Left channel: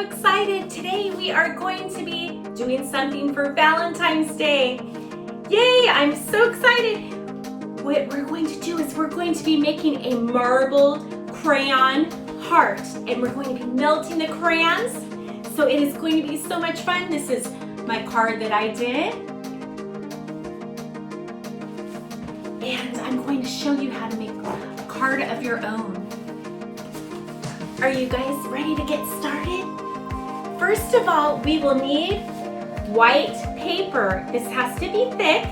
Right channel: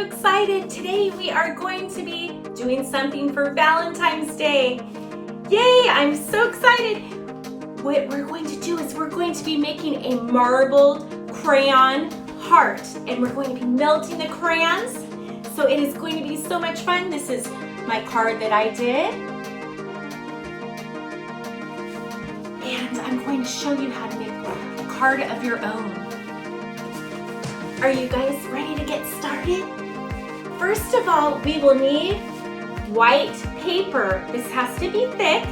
so excited. Today we are going to be doing something for Valentine's Day. Yay, I'm so excited. What we're going to do is we're going to be making a marbled crayon heart, and we're going to be melting the crayons. So it is going to be so much fun. This is my card that I did. And I'm going to show you how to make a card of your own. Are you guys ready to get started? First of all, we will need white paper. This has to be thick.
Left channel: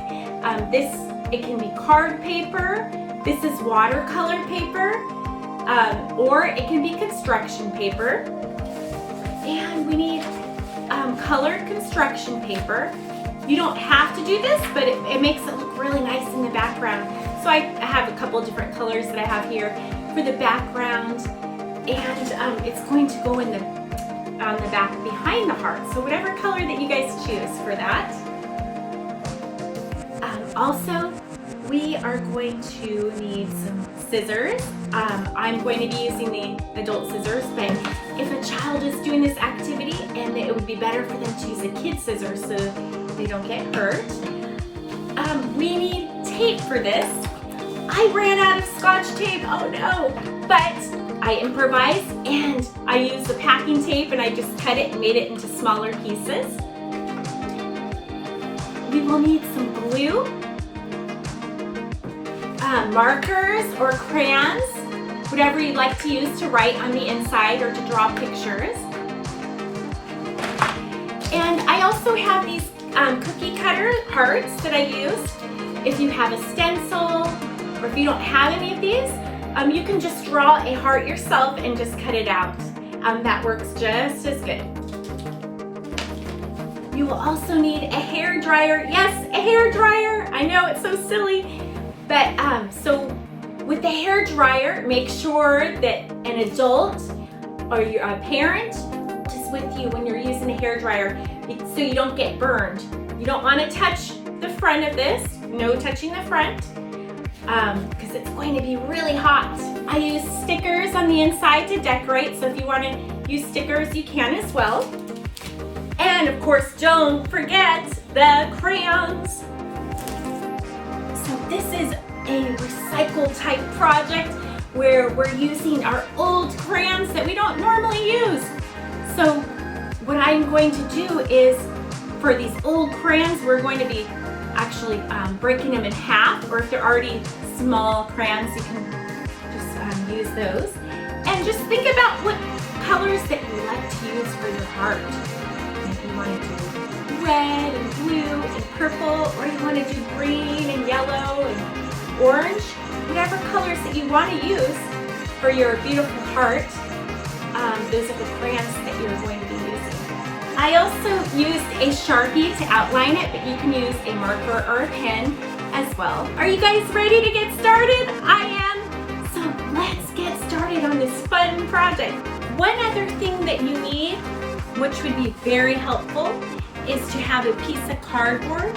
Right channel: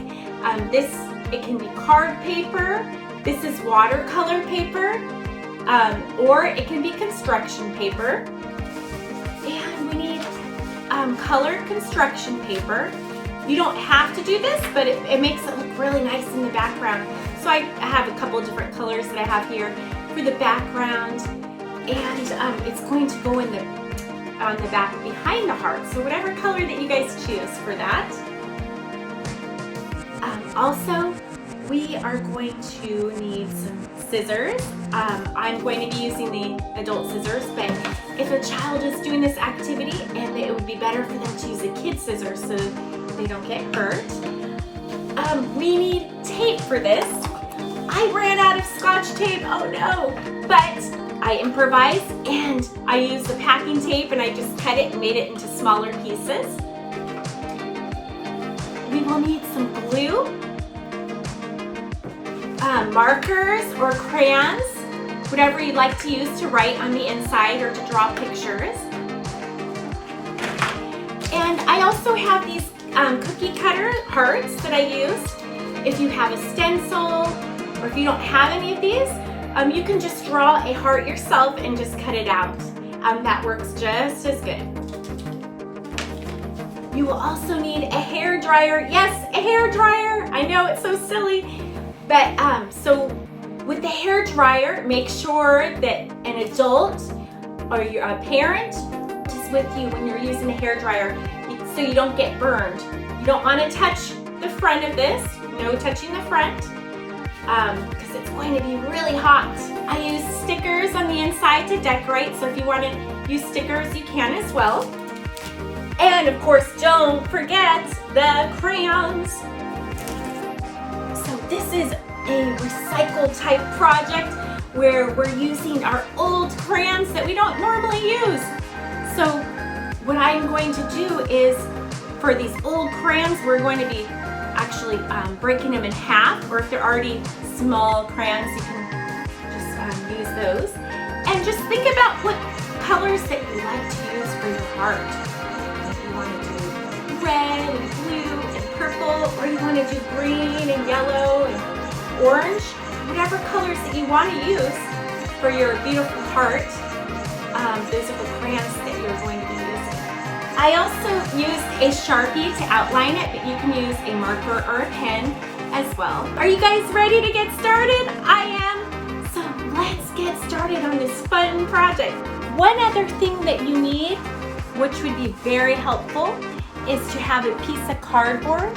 It can be card paper. This is watercolor paper, or it can be construction paper. And we need colored construction paper. You don't have to do this, but it makes it look really nice in the background. So I have a couple different colors that I have here for the background. And it's going to go on the back behind the heart. So whatever color that you guys choose for that. Also, we are going to need some scissors. I'm going to be using the adult scissors, but if a child is doing this activity, and it would be better for them to use a kid's scissors so they don't get hurt. We need tape for this. I ran out of Scotch tape, oh no, but I improvised and I used the packing tape and I just cut it and made it into smaller pieces. We will need some glue, markers or crayons, whatever you'd like to use to write on the inside or to draw pictures. And I also have these cookie cutter hearts that I used. If you have a stencil or if you don't have any of these, you can just draw a heart yourself and just cut it out. That works just as good. You will also need a hair dryer. Yes, a hair dryer. I know it's so silly, but so with the hair dryer, make sure that an adult or a parent is with you when you're using a hair dryer so you don't get burned. You don't want to touch the front of this. No touching the front. Because it's going to be really hot. I use stickers on the inside to decorate, so if you want to use stickers, you can as well. And of course, don't forget the crayons. So this is a recycle type project where we're using our old crayons that we don't normally use. So what I'm going to do is, for these old crayons, we're going to be actually breaking them in half, or if they're already small crayons, you can just use those. And just think about what colors that you like to use for your heart. If you want to do red and blue and purple, or you want to do green and yellow and orange, whatever colors that you want to use for your beautiful heart, those are the crayons that you're going to be using. I also used a Sharpie to outline it, but you can use a marker or a pen as well. Are you guys ready to get started? I am. So let's get started on this fun project. One other thing that you need, which would be very helpful, is to have a piece of cardboard.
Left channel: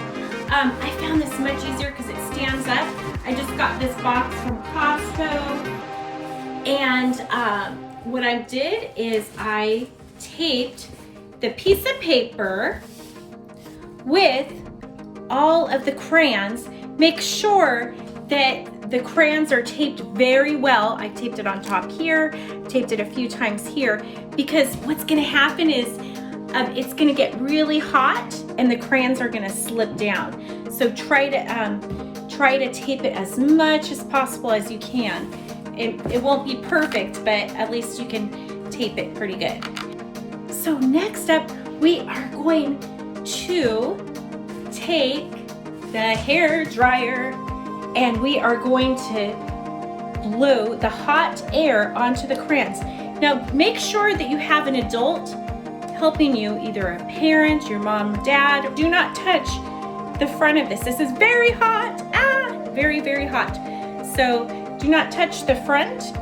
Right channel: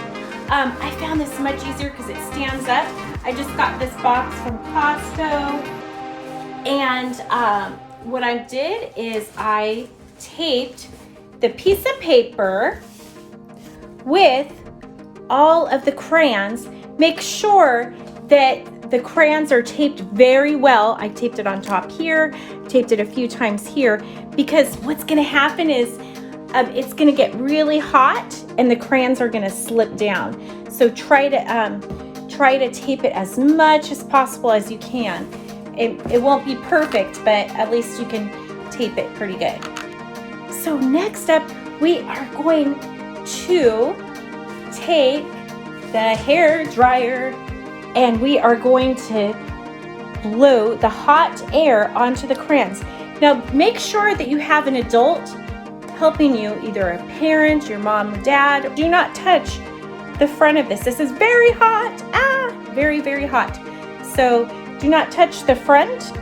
I found this much easier because it stands up. I just got this box from Costco, and what I did is I taped the piece of paper with all of the crayons. Make sure that the crayons are taped very well. I taped it on top here, taped it a few times here, because what's gonna happen is it's gonna get really hot and the crayons are gonna slip down. So try to tape it as much as possible as you can. It won't be perfect, but at least you can tape it pretty good. So next up, we are going to take the hair dryer and we are going to blow the hot air onto the crayons. Now make sure that you have an adult helping you, either a parent, your mom, dad. Do not touch the front of this. This is very hot, very, very hot. So do not touch the front.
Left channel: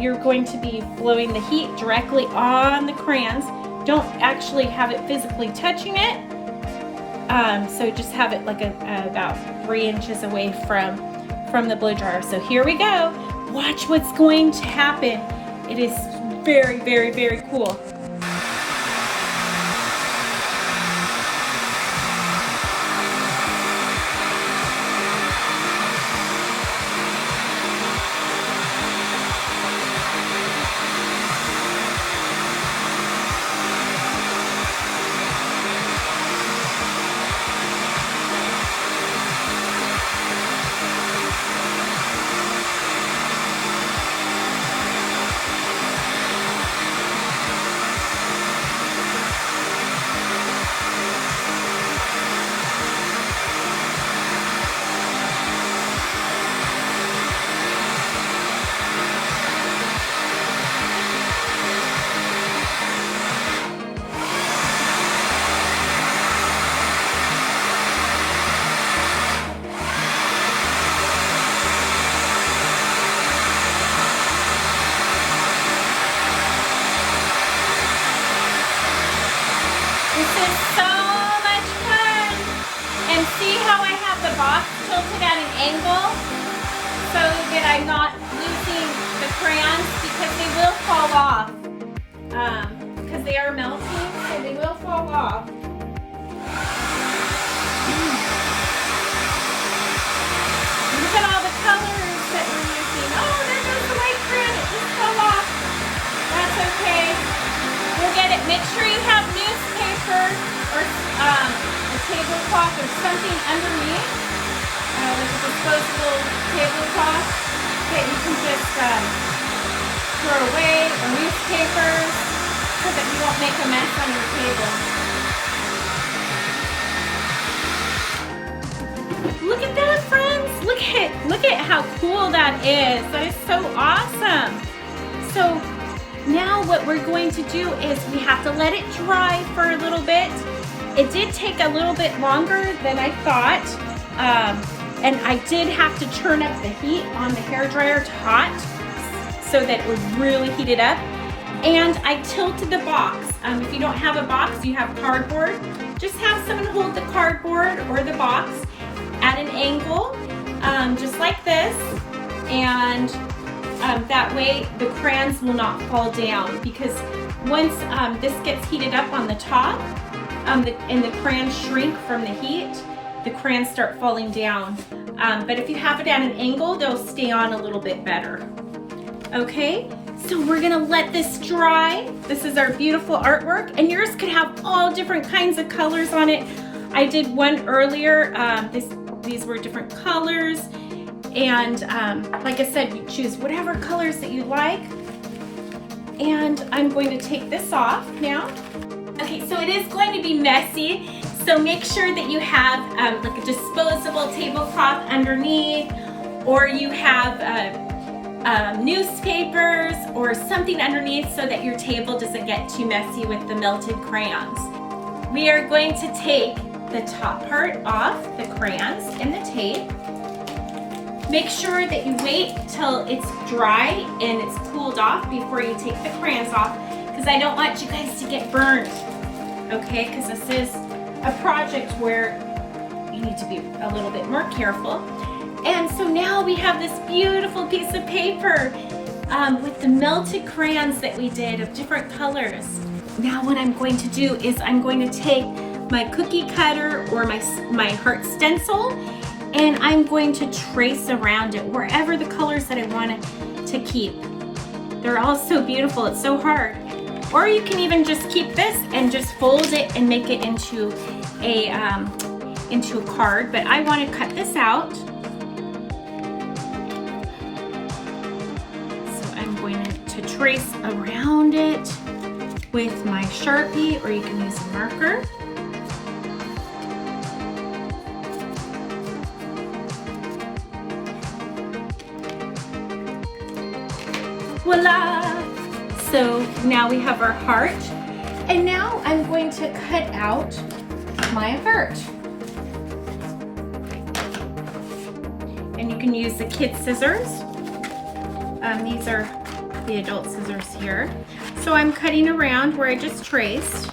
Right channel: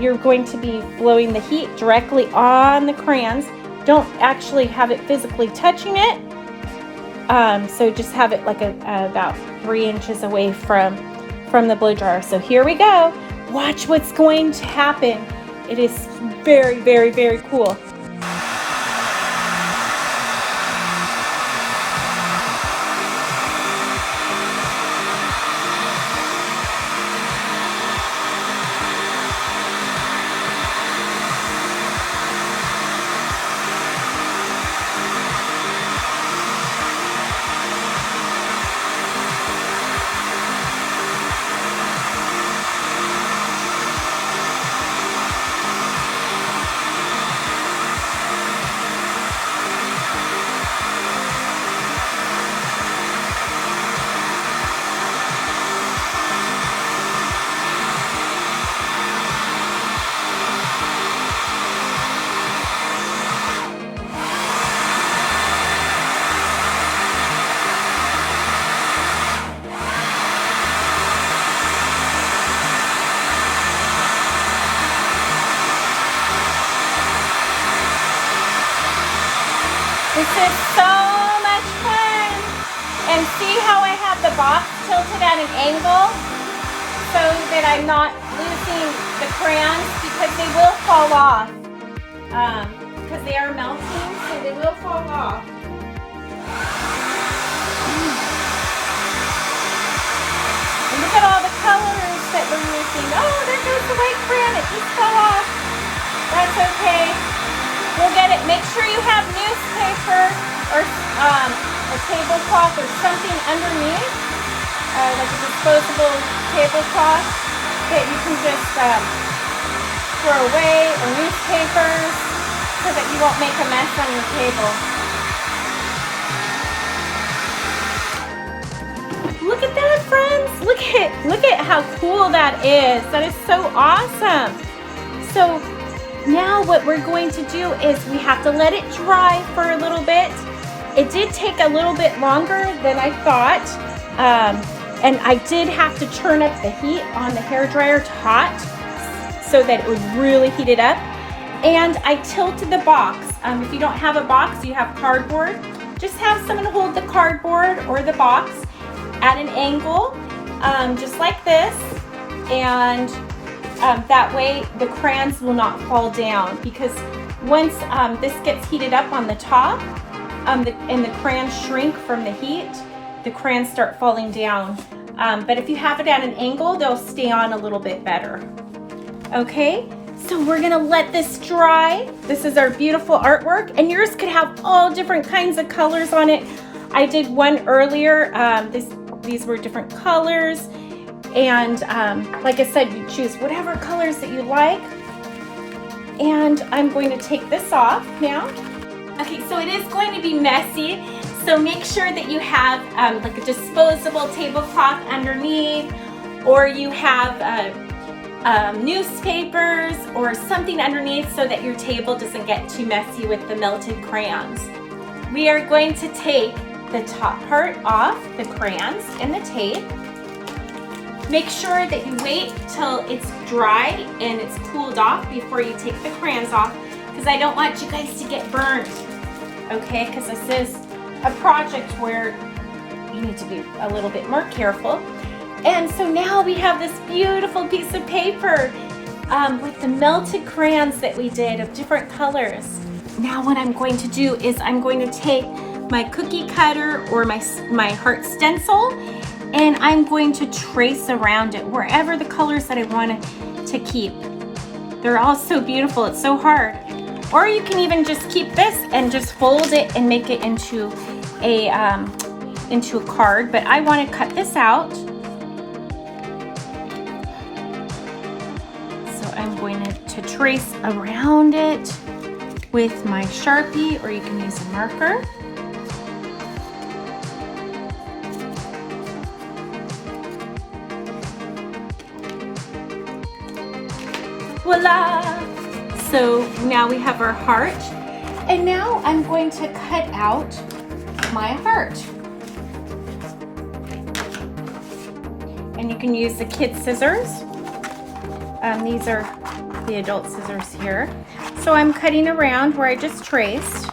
You're going to be blowing the heat directly on the crayons. Don't actually have it physically touching it. So just have it like about 3 inches away from the blow dryer. So here we go. Watch what's going to happen. It is very, very, very cool. is so much fun. And see how I have the box tilted at an angle so that I'm not losing the crayons, because they will fall off. Because they are melting, so they will fall off. Look at all the colors that we're using. Oh, there goes the white crayon. It just fell off. That's okay. We'll get it. Make sure you have newspaper or a tablecloth or something underneath, like a disposable tablecloth that you can just throw away, or newspapers, so that you won't make a mess on your table. Look at that, friends. Look at how cool that is. That is so awesome. So now what we're going to do is we have to let it dry for a little bit. It did take a little bit longer than I thought. And I did have to turn up the heat on the hairdryer to hot so that it would really heat it up. And I tilted the box. If you don't have a box, you have cardboard. Just have someone hold the cardboard or the box at an angle, just like this. And that way the crayons will not fall down, because once this gets heated up on the top and the crayons shrink from the heat, the crayons start falling down. But if you have it at an angle, they'll stay on a little bit better. Okay, so we're gonna let this dry. This is our beautiful artwork, and yours could have all different kinds of colors on it. I did one earlier. These were different colors. And like I said, you choose whatever colors that you like. And I'm going to take this off now. Okay, so it is going to be messy. So make sure that you have like a disposable tablecloth underneath, or you have newspapers or something underneath so that your table doesn't get too messy with the melted crayons. We are going to take the top part off, the crayons and the tape. Make sure that you wait till it's dry and it's cooled off before you take the crayons off, because I don't want you guys to get burned, okay? Because this is a project where you need to be a little bit more careful. And so now we have this beautiful piece of paper with the melted crayons that we did of different colors. Now what I'm going to do is I'm going to take my cookie cutter or my heart stencil, and I'm going to trace around it wherever the colors that I want to keep. They're all so beautiful, it's so hard. Or you can even just keep this and just fold it and make it into a card, but I want to cut this out. So I'm going to trace around it with my Sharpie, or you can use a marker. Voila! So now we have our heart, and now I'm going to cut out my heart. And you can use the kid scissors. These are the adult scissors here. So I'm cutting around where I just traced.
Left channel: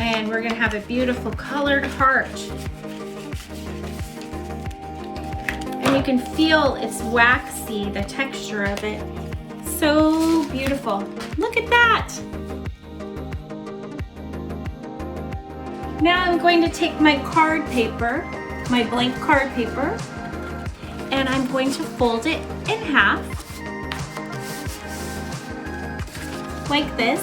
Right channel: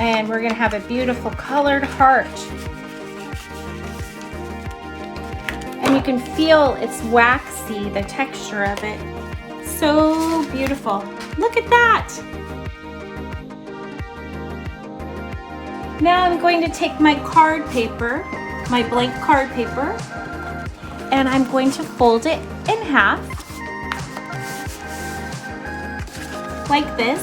And we're gonna have a beautiful colored heart. And you can feel it's waxy, the texture of it. So beautiful. Look at that. Now I'm going to take my card paper, my blank card paper, and I'm going to fold it in half, like this.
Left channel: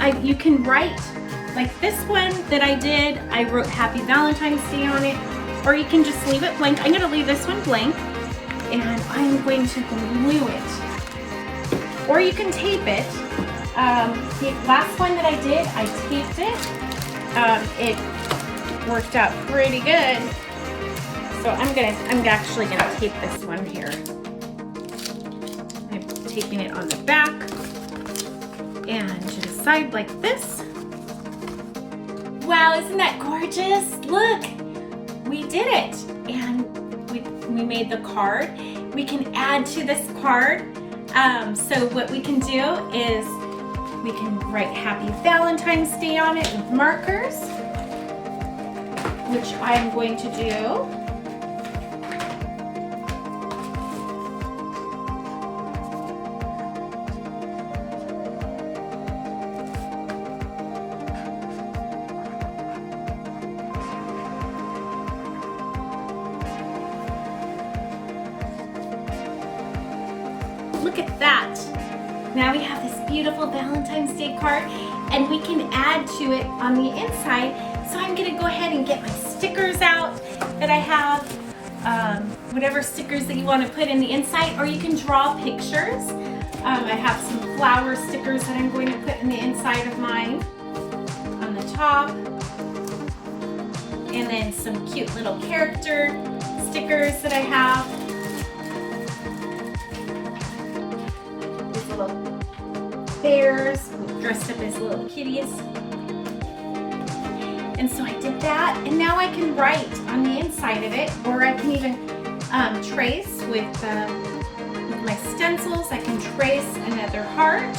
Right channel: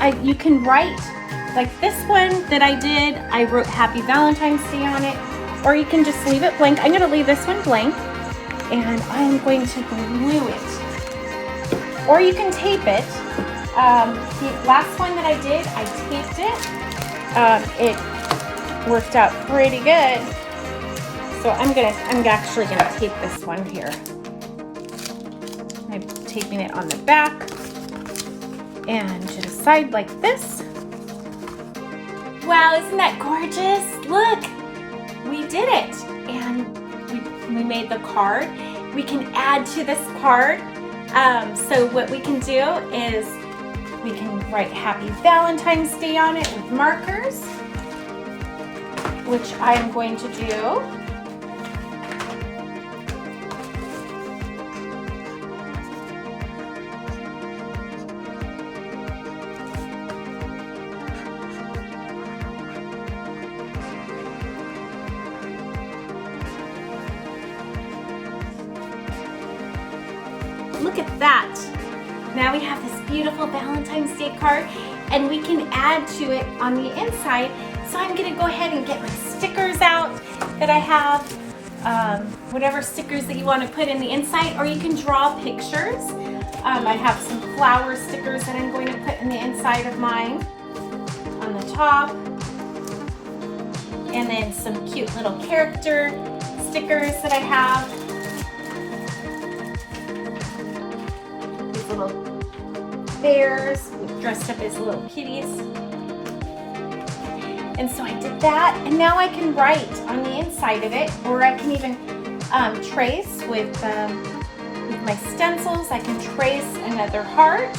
And you can write, like this one that I did, I wrote Happy Valentine's Day on it, or you can just leave it blank. I'm going to leave this one blank, and I'm going to glue it. Or you can tape it. The last one that I did, I taped it. It worked out pretty good. So I'm actually gonna tape this one here. I'm taping it on the back and to the side like this. Wow, Wow, isn't that gorgeous? Look, we did it. And we made the card. We can add to this card. So what we can do is we can write Happy Valentine's Day on it with markers, which I am going to do. Look at that. Now we have this beautiful Valentine's Day card, and we can add to it on the inside. So I'm gonna go ahead and get my stickers out that I have, whatever stickers that you want to put in the inside, or you can draw pictures. I have some flower stickers that I'm going to put in the inside of mine on the top, and then some cute little character stickers that I have. These little bears dressed up as little kitties. And so I did that, and now I can write on the inside of it, or I can even trace with my stencils. I can trace another heart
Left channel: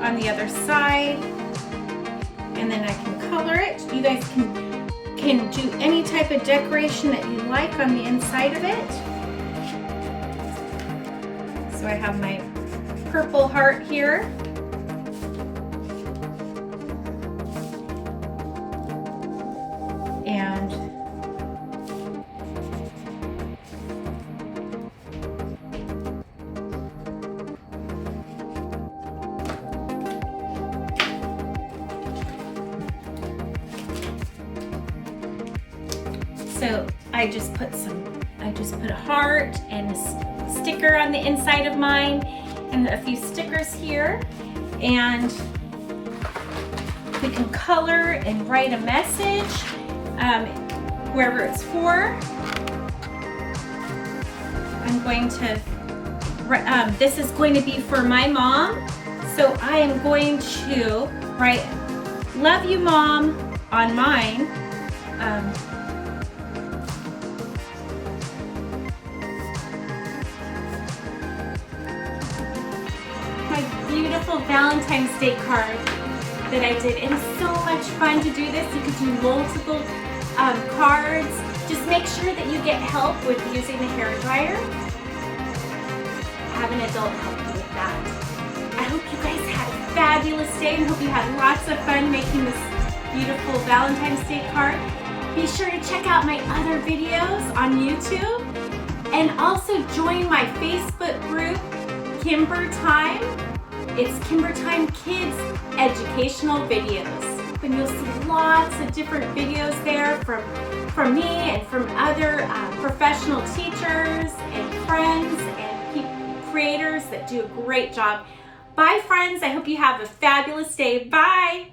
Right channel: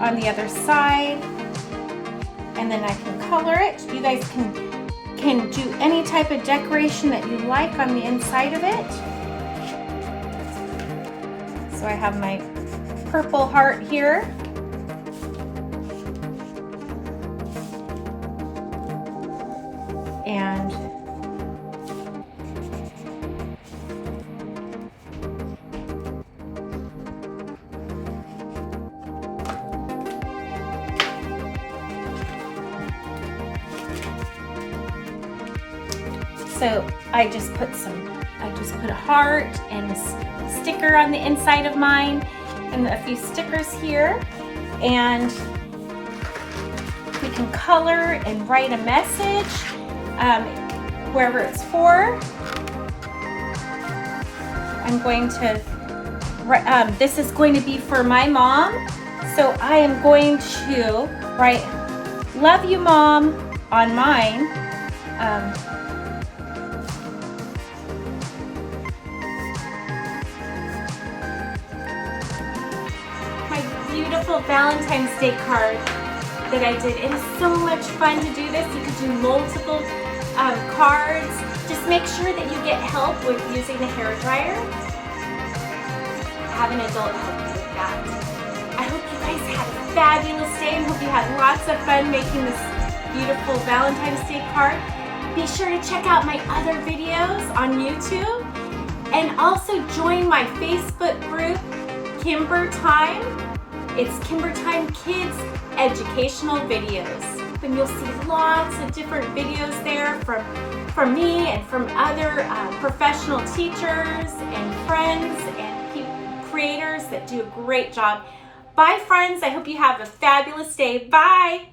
on the other side, and then I can color it. You guys can do any type of decoration that you like on the inside of it. So I have my purple heart here. And so I just put a heart and a sticker on the inside of mine, and a few stickers here, and we can color and write a message, whoever it's for. I'm going to, this is going to be for my mom, so I am going to write "Love you, Mom" on mine. Beautiful Valentine's Day card that I did. It was so much fun to do this. You could do multiple cards. Just make sure that you get help with using the hairdryer. Have an adult help you with that. I hope you guys had a fabulous day and hope you had lots of fun making this beautiful Valentine's Day card. Be sure to check out my other videos on YouTube, and also join my Facebook group, Kimber Time. It's Kimber Time Kids Educational Videos. And you'll see lots of different videos there from me and from other professional teachers and friends and creators that do a great job. Bye friends, I hope you have a fabulous day. Bye.